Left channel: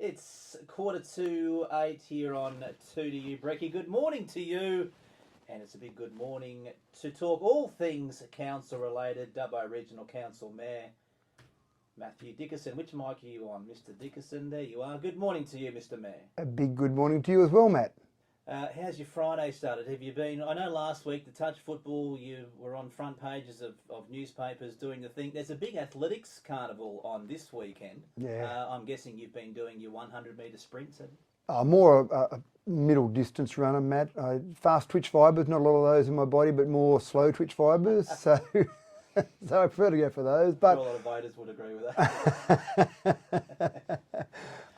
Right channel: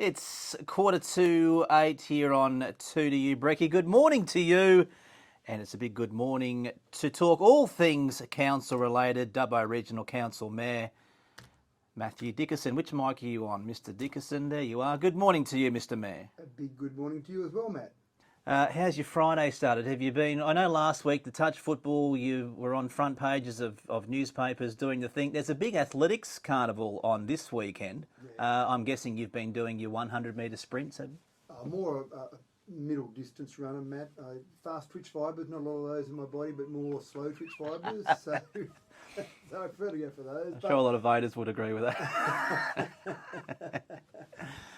It's 7:45 here on 2 to You, Brecky. Good morning to you. And it's a big good morning to talk all things council related. Dubbo Regional Council Mayor Matthew Dickerson. Which mic are you on, Mr. Dickerson? There you are. Good morning to you, Mr. Mayor. A big good morning to you as well, Matt. How's your Friday started? Have you been, I know last week the touch football, you were on front pages of newspapers doing the thing. There's a big athletics carnival on this weekend. Yeah. I'm guessing you've been doing your 100-metre sprints, have you? More a middle distance runner, Matt. Fast twitch fibres, not a lot of those in my body, but more slow twitch fibres. So I prefer to go for those. I'm sure a lot of voters would agree with that.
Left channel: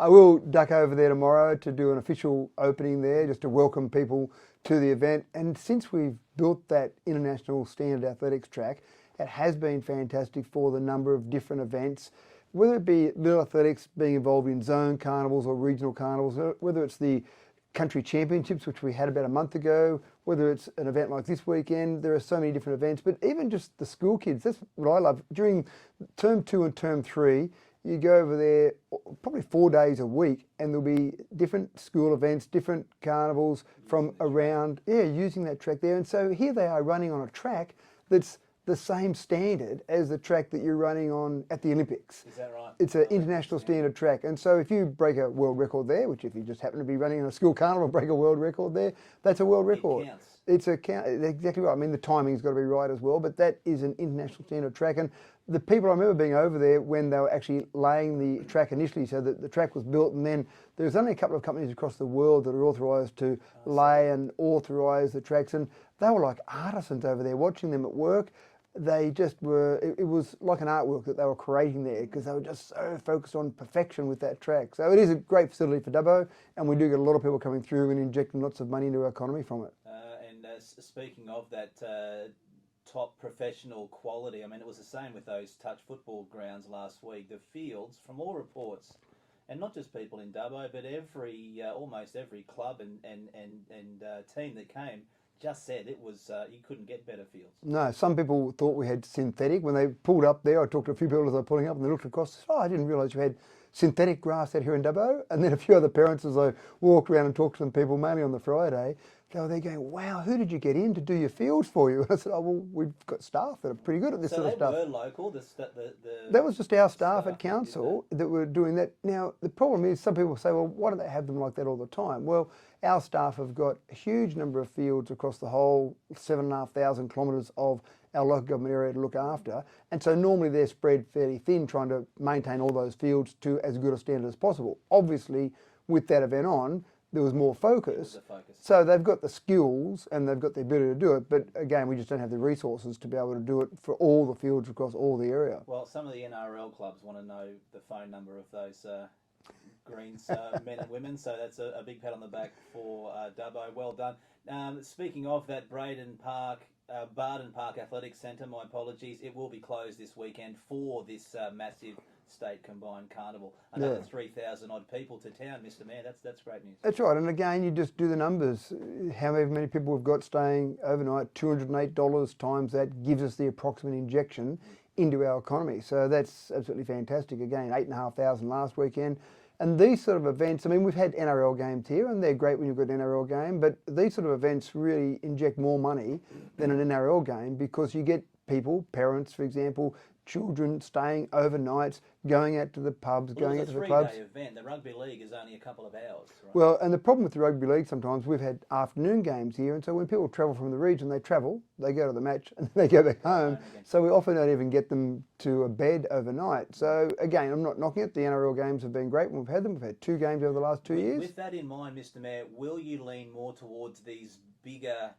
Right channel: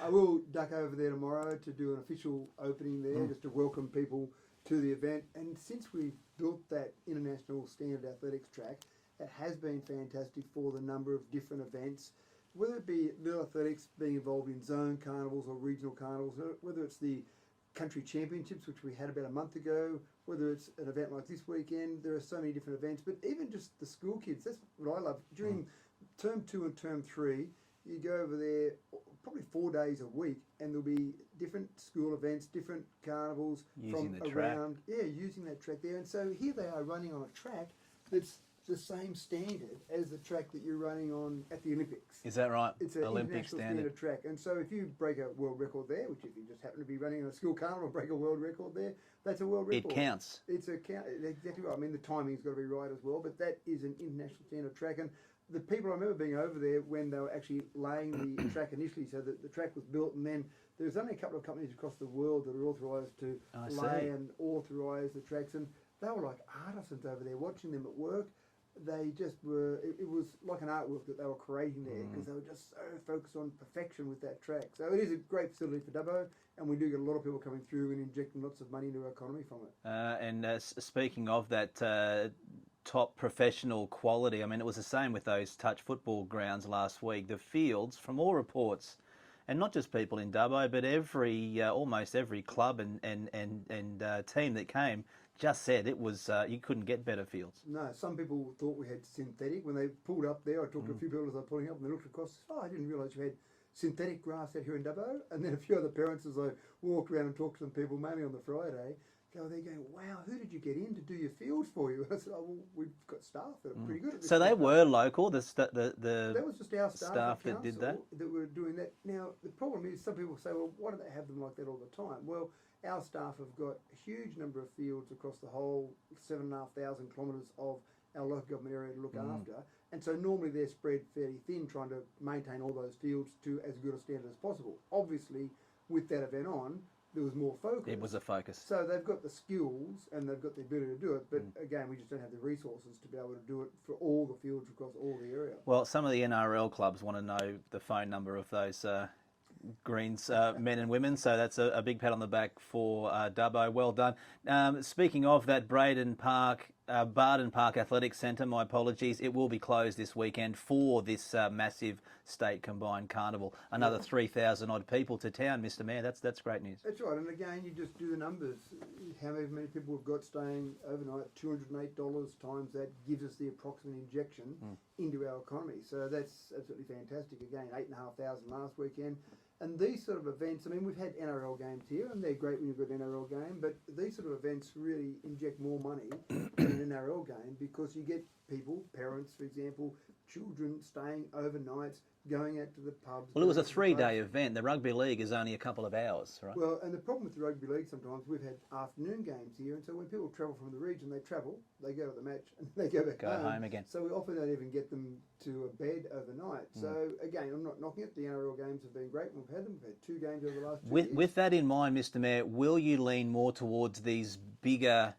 I will duck over there tomorrow to do an official opening there, just to welcome people to the event. And since we've built that international standard athletics track, it has been fantastic for the number of different events, whether it be little athletics being involved in zone carnivals or regional carnivals, whether it's the country championships, which we had about a month ago, whether it's an event like this weekend. There are so many different events, but even just the school kids, that's what I love. During term 2 and term 3, you go over there probably 4 days a week, and there'll be different school events, different carnivals from around, using that track there. And so here they are running on a track that's the same standard as the track that you're running on at the Olympics. Is that right? It's an international standard track. And so if you break a world record there, which if you just happen to be running in a school carnival, break a world record there, that's a world record. It counts. It's exactly right. I mean, the timing's got to be right as well, but that is an international standard track. And the people, I remember being over there when they were actually laying the track initially, so that the track was built, and then there's only a couple of companies across the world that are authorised to lay and authorise the tracks, and they were like artisans over there, watching them at work. They just were, it was like an artwork that they were creating there, because they were just so focused on perfection with that track. So it is a great facility for Dubbo, and we do get a lot of people coming through and injecting lots of money into our economy from it. Speaking of that top professional quality, I mean, it was the same with those touch football grounds last week. The fields, from all reports, and not just people in Dubbo, but almost every club and team that came, just said it was you couldn't get better fields. No, some people thought we had synthetic. When they pulled up there, I talked to a few people as they were pulling up, and they looked across, I didn't realise you had synthetic grass out here in Dubbo. And then a few other parents, as I walked around and talked to some people, mainly on the Friday, they were there going, wow, who did you get in to do your fields for you? And I said, oh, well, we've got staff that are pretty good at this. So sort they of stuff. were local? That was just our staff at council that were doing that. Now, the problem is some people say, well, why don't they have them like that all the time? Well, our staff have got a huge number of fields across the whole 7,500 kilometres of our local government area to look after. And so normally they're spread fairly thin, trying to maintain all those fields to as good a standard as possible. Obviously, with that event on, there was more focus. It was a focus. So they've got the skills and they've got the ability to do it. But again, we just don't have the resources to be able to do it for all the fields across all the area. Well, some of the NRL clubs want to know the phone number of those Greens men and women. So that's a big pat on the back for Dubbo. Well done. Speaking of that, Barden Park Athletics Centre, my apologies, it will be closed this weekend for this massive state combined carnival. Another 3,000 odd people to town, Mr. Mayor. That's great news. That's right. And again, you just do the numbers. How many people we've got staying overnight? $208 times that gives us the approximate injection into our economy. So that's absolutely fantastic. Again, 8,500 last weekend. And these sort of events, I mean, we've had NRL games here, and they're great when you've got an NRL game, but these sort of events really inject more money than an NRL game, because you get people, parents, for example, children staying overnights, going out to the pubs. Well, it was a 3-day event. The rugby league is only a couple of hours, right? Well, and the problem with the rugby league, sometimes we've had afternoon games here, and so when people travel from the region, they go to the match, and they go back home again. So we often don't even get them to a bed overnight. So again, I'm not knocking it. The NRL games have been great when we've had them. We've had 2 games over the last 2 years. With that in mind, Mr. Mayor, will you lean more towards these bigger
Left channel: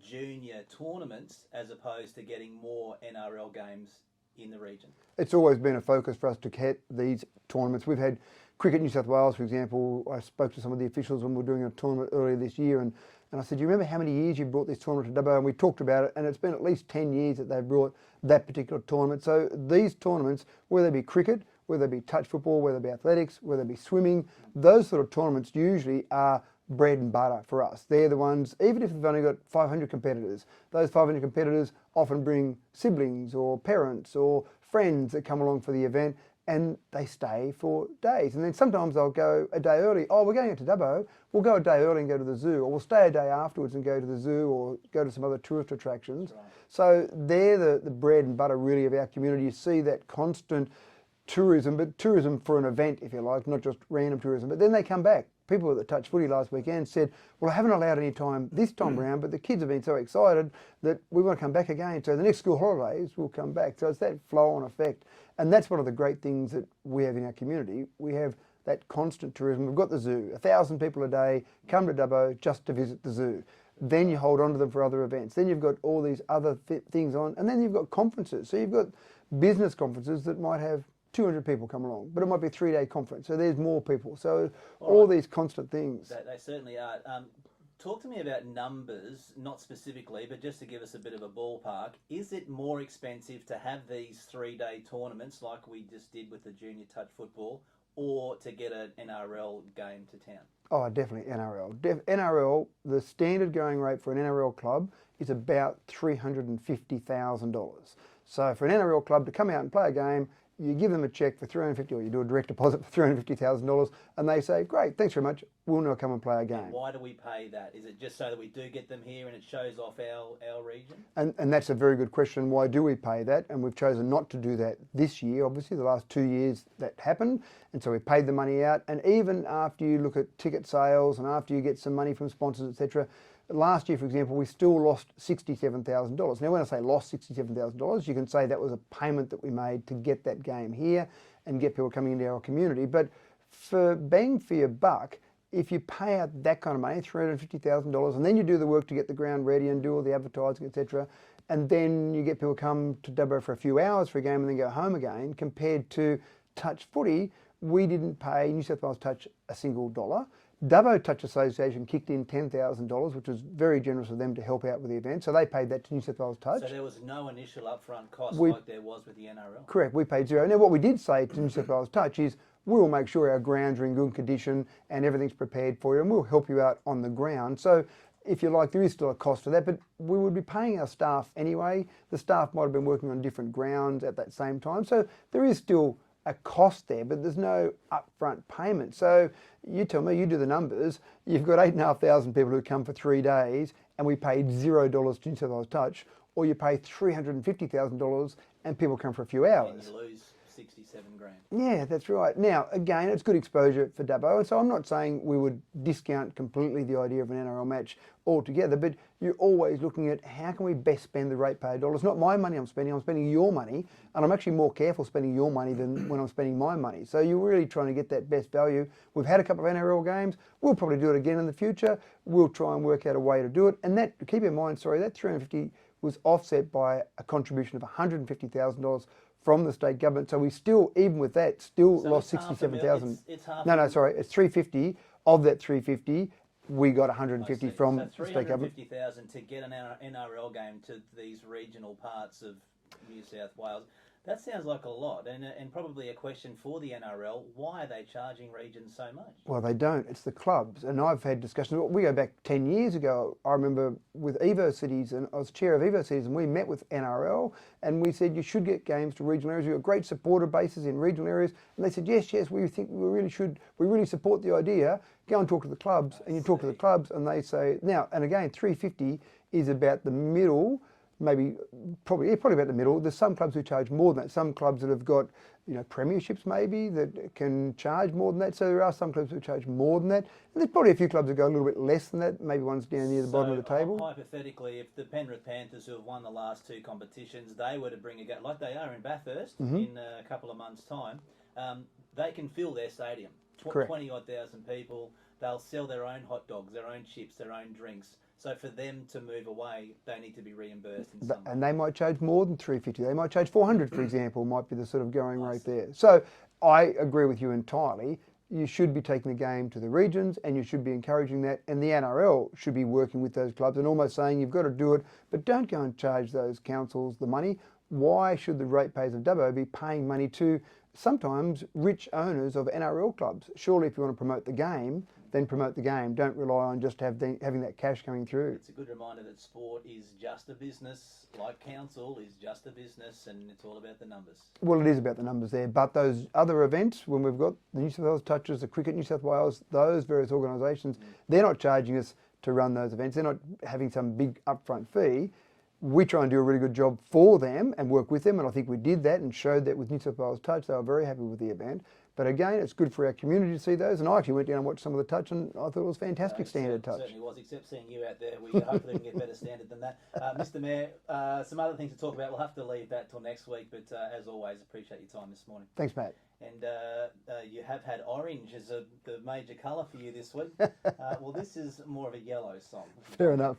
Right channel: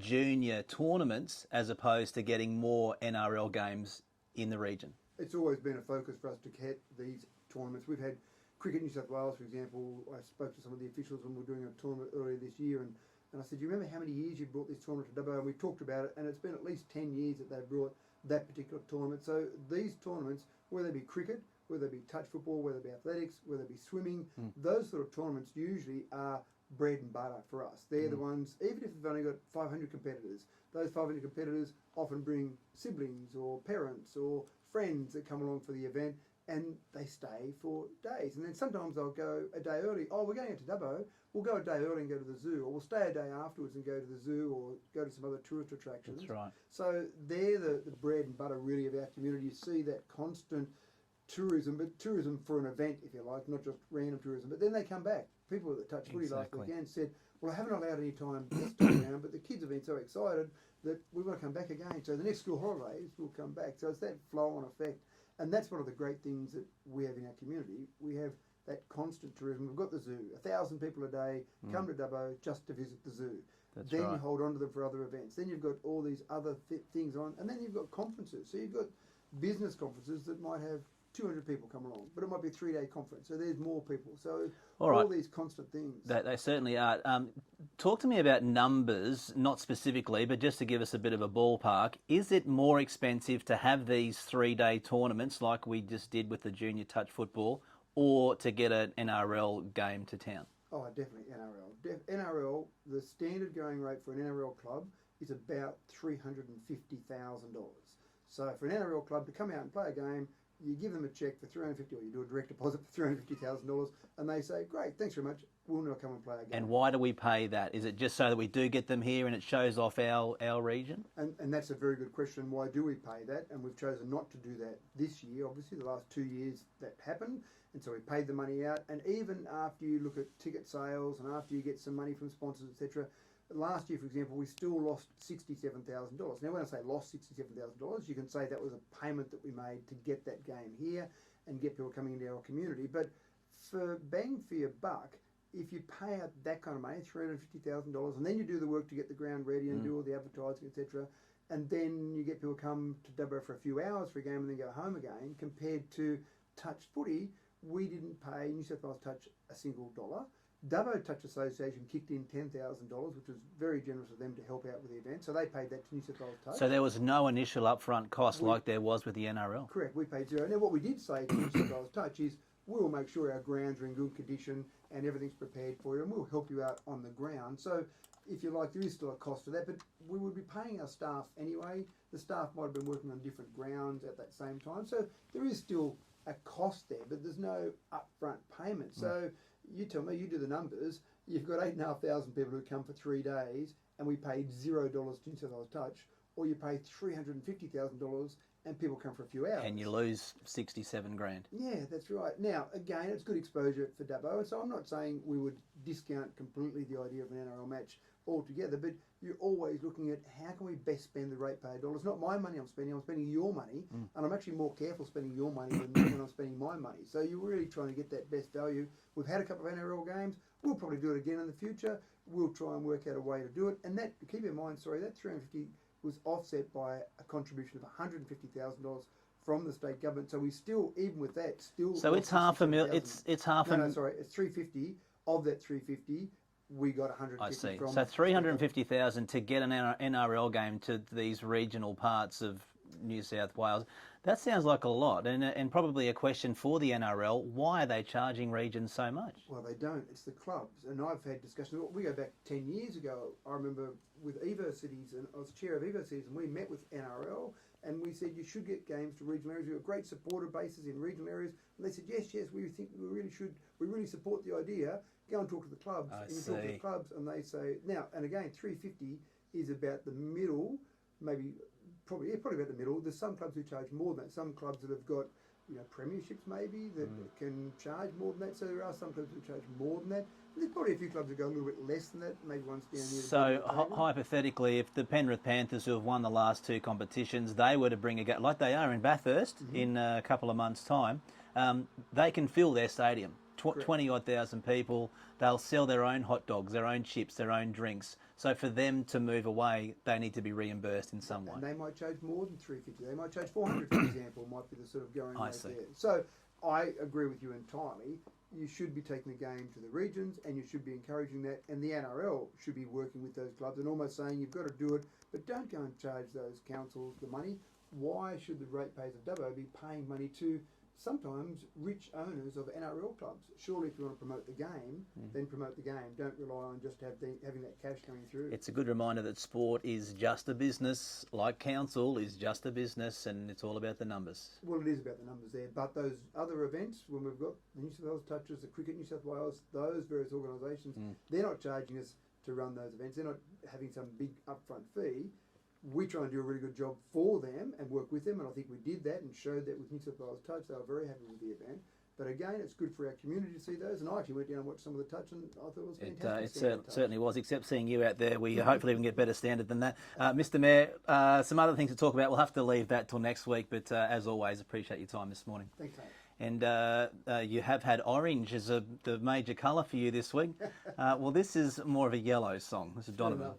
junior tournaments as opposed to getting more NRL games in the region? It's always been a focus for us to get these tournaments. We've had Cricket New South Wales, for example. I spoke to some of the officials when we were doing a tournament earlier this year, and I said, do you remember how many years you brought this tournament to Dubbo? And we talked about it, and it's been at least 10 years that they've brought that particular tournament. So these tournaments, whether they be cricket, whether it be touch football, whether it be athletics, whether it be swimming, those sort of tournaments usually are bread and butter for us. They're the ones, even if they've only got 500 competitors, those 500 competitors often bring siblings or parents or friends that come along for the event, and they stay for days. And then sometimes I'll go a day early. Oh, we're going out to Dubbo. We'll go a day early and go to the zoo, or we'll stay a day afterwards and go to the zoo or go to some other tourist attractions. That's right. So they're the bread and butter really of our community. You see that constant tourism, but tourism for an event, if you like, not just random tourism. But then they come back. People at the Touch Footy last weekend said, well, I haven't allowed any time this time around, but the kids have been so excited that we want to come back again. So the next school holidays, we'll come back. So it's that flow-on effect. And that's one of the great things that we have in our community. We have that constant tourism. We've got the zoo. 1,000 people a day come to Dubbo just to visit the zoo. That's then right. you hold on to them for other events. Then you've got all these other things on. And then you've got conferences. So you've got business conferences that might have 200 people come along, but it might be a 3-day conference. So there's more people. So all these constant things. They certainly are. Talk to me about numbers, not specifically, but just to give us a bit of a ballpark. Is it more expensive to have these 3-day tournaments like we just did with the junior touch football, or to get an NRL game to town? Oh, definitely NRL. NRL, the standard going rate for an NRL club is about $350,000. So for an NRL club to come out and play a game, you give them a cheque for $350,000, or you do a direct deposit for $350,000, and they say, great, thanks very much, we'll now come and play a game. And why do we pay that? Is it just so that we do get them here and it shows off our region? And that's a very good question. Why do we pay that? And we've chosen not to do that this year, obviously. The last 2 years that happened, and so we paid the money out. And even after you look at ticket sales and after you get some money from sponsors, etc., last year, for example, we still lost $67,000. Now, when I say lost $67,000, you can say that was a payment that we made to get that game here and get people coming into our community. But for bang for your buck, if you pay out that kind of money, $350,000, and then you do the work to get the ground ready and do all the advertising, etc., and then you get people come to Dubbo for a few hours for a game and then go home again, compared to touch footy, we didn't pay New South Wales Touch a single dollar. Dubbo Touch Association kicked in $10,000, which was very generous of them to help out with the event. So they paid that to New South Wales Touch. So there was no initial upfront cost like there was with the NRL? Correct, we paid zero. Now what we did say to New South Wales Touch is, we will make sure our grounds are in good condition and everything's prepared for you, and we'll help you out on the ground. So if you like, there is still a cost to that, but we would be paying our staff anyway. The staff might have been working on different grounds at that same time. So there is still a cost there, but there's no upfront payment. So you tell me, you do the numbers, you've got 8,500 people who come for 3 days and we paid $0 to New South Wales Touch, or you pay $350,000 and people come for a few hours. And you lose 67 grand. Yeah, that's right. Now, again, it's good exposure for Dubbo, and so I'm not saying we would discount completely the idea of an NRL match altogether, but you're always looking at how can we best spend the ratepayer dollars. Not my money I'm spending your money, and I'm actually more careful spending your money than when I'm spending my money. So you're really trying to get that best value. We've had a couple of NRL games. We'll probably do it again in the future. We'll try and work out a way to do it. And that, keep in mind, sorry, that $350,000 was offset by a contribution of $150,000 from the state government. So we still, even with that, still So lost it's half a million. It's half. No, sorry, it's 350. Of that 350, we got 150 from. So 350,000 to get an NRL game to these regional parts of New South Wales. That sounds like a lot, and probably a question for the NRL. Why are they charging regions so much? Well, they don't. It's the clubs. And I've had discussions. We go back 10 years ago. I remember with Evo Cities, and I was chair of Evo Cities, and we met with NRL, and we said you should get games to regional areas. We've got great supporter bases in regional areas. And they said, yes, we think we really should. We really support the idea. Go and talk to the clubs. And you talk to the clubs, and they say, now, and again, 350 is about the middle. Probably about the middle. There's some clubs who charge more than that. Some clubs that have got, premierships maybe that can charge more than that. So there are some clubs who charge more than that. And there's probably a few clubs that go a little bit less than that. Maybe one's down near the bottom of the table. Hypothetically, if the Penrith Panthers, who have won the last 2 competitions, they were to bring a game like they are in Bathurst in a couple of months' time, they can fill their stadium. 20-odd thousand people. They'll sell their own hot dogs, their own chips, their own drinks. So for them to move away, they need to be reimbursed in some way. And they might charge more than 350. They might charge 400, for example, might be the sort of going rate there. So I agree with you entirely. You should be taking the game to the regions, and you should be encouraging that. And the NRL should be working with those clubs and almost saying you've got to do it, but don't go and charge those councils the money. Why should the ratepayers of Dubbo be paying money to sometimes rich owners of NRL clubs. Surely if you want to promote the game, then promote the game. Don't rely on just having that cash coming through. It's a good reminder that sport is just a business, like council is just a business, and it's all about the numbers. Well, it is about the numbers there, but those other events, when we've got the New South Wales Touches, the Cricket New South Wales, those various organisations, they're not charging us to run those events. They're not having some big upfront fee. We try and do a really good job for them and work with them, and I think we did that and showed that with New South Wales Touch. They were very happy with the event. But again, it's good for our community to see those, and I actually went down and watched some of the touch, and I thought it was fantastic standard touch. It certainly was, except seeing you out there, we hopefully even get better standard than that. Mr Mayor, some other things to talk about. We'll have to leave that till next week, but as always, appreciate your time this morning. Thanks, mate. And you have had orange as the major colour for you this week. Well, this is more of a yellow song. This is Fair enough.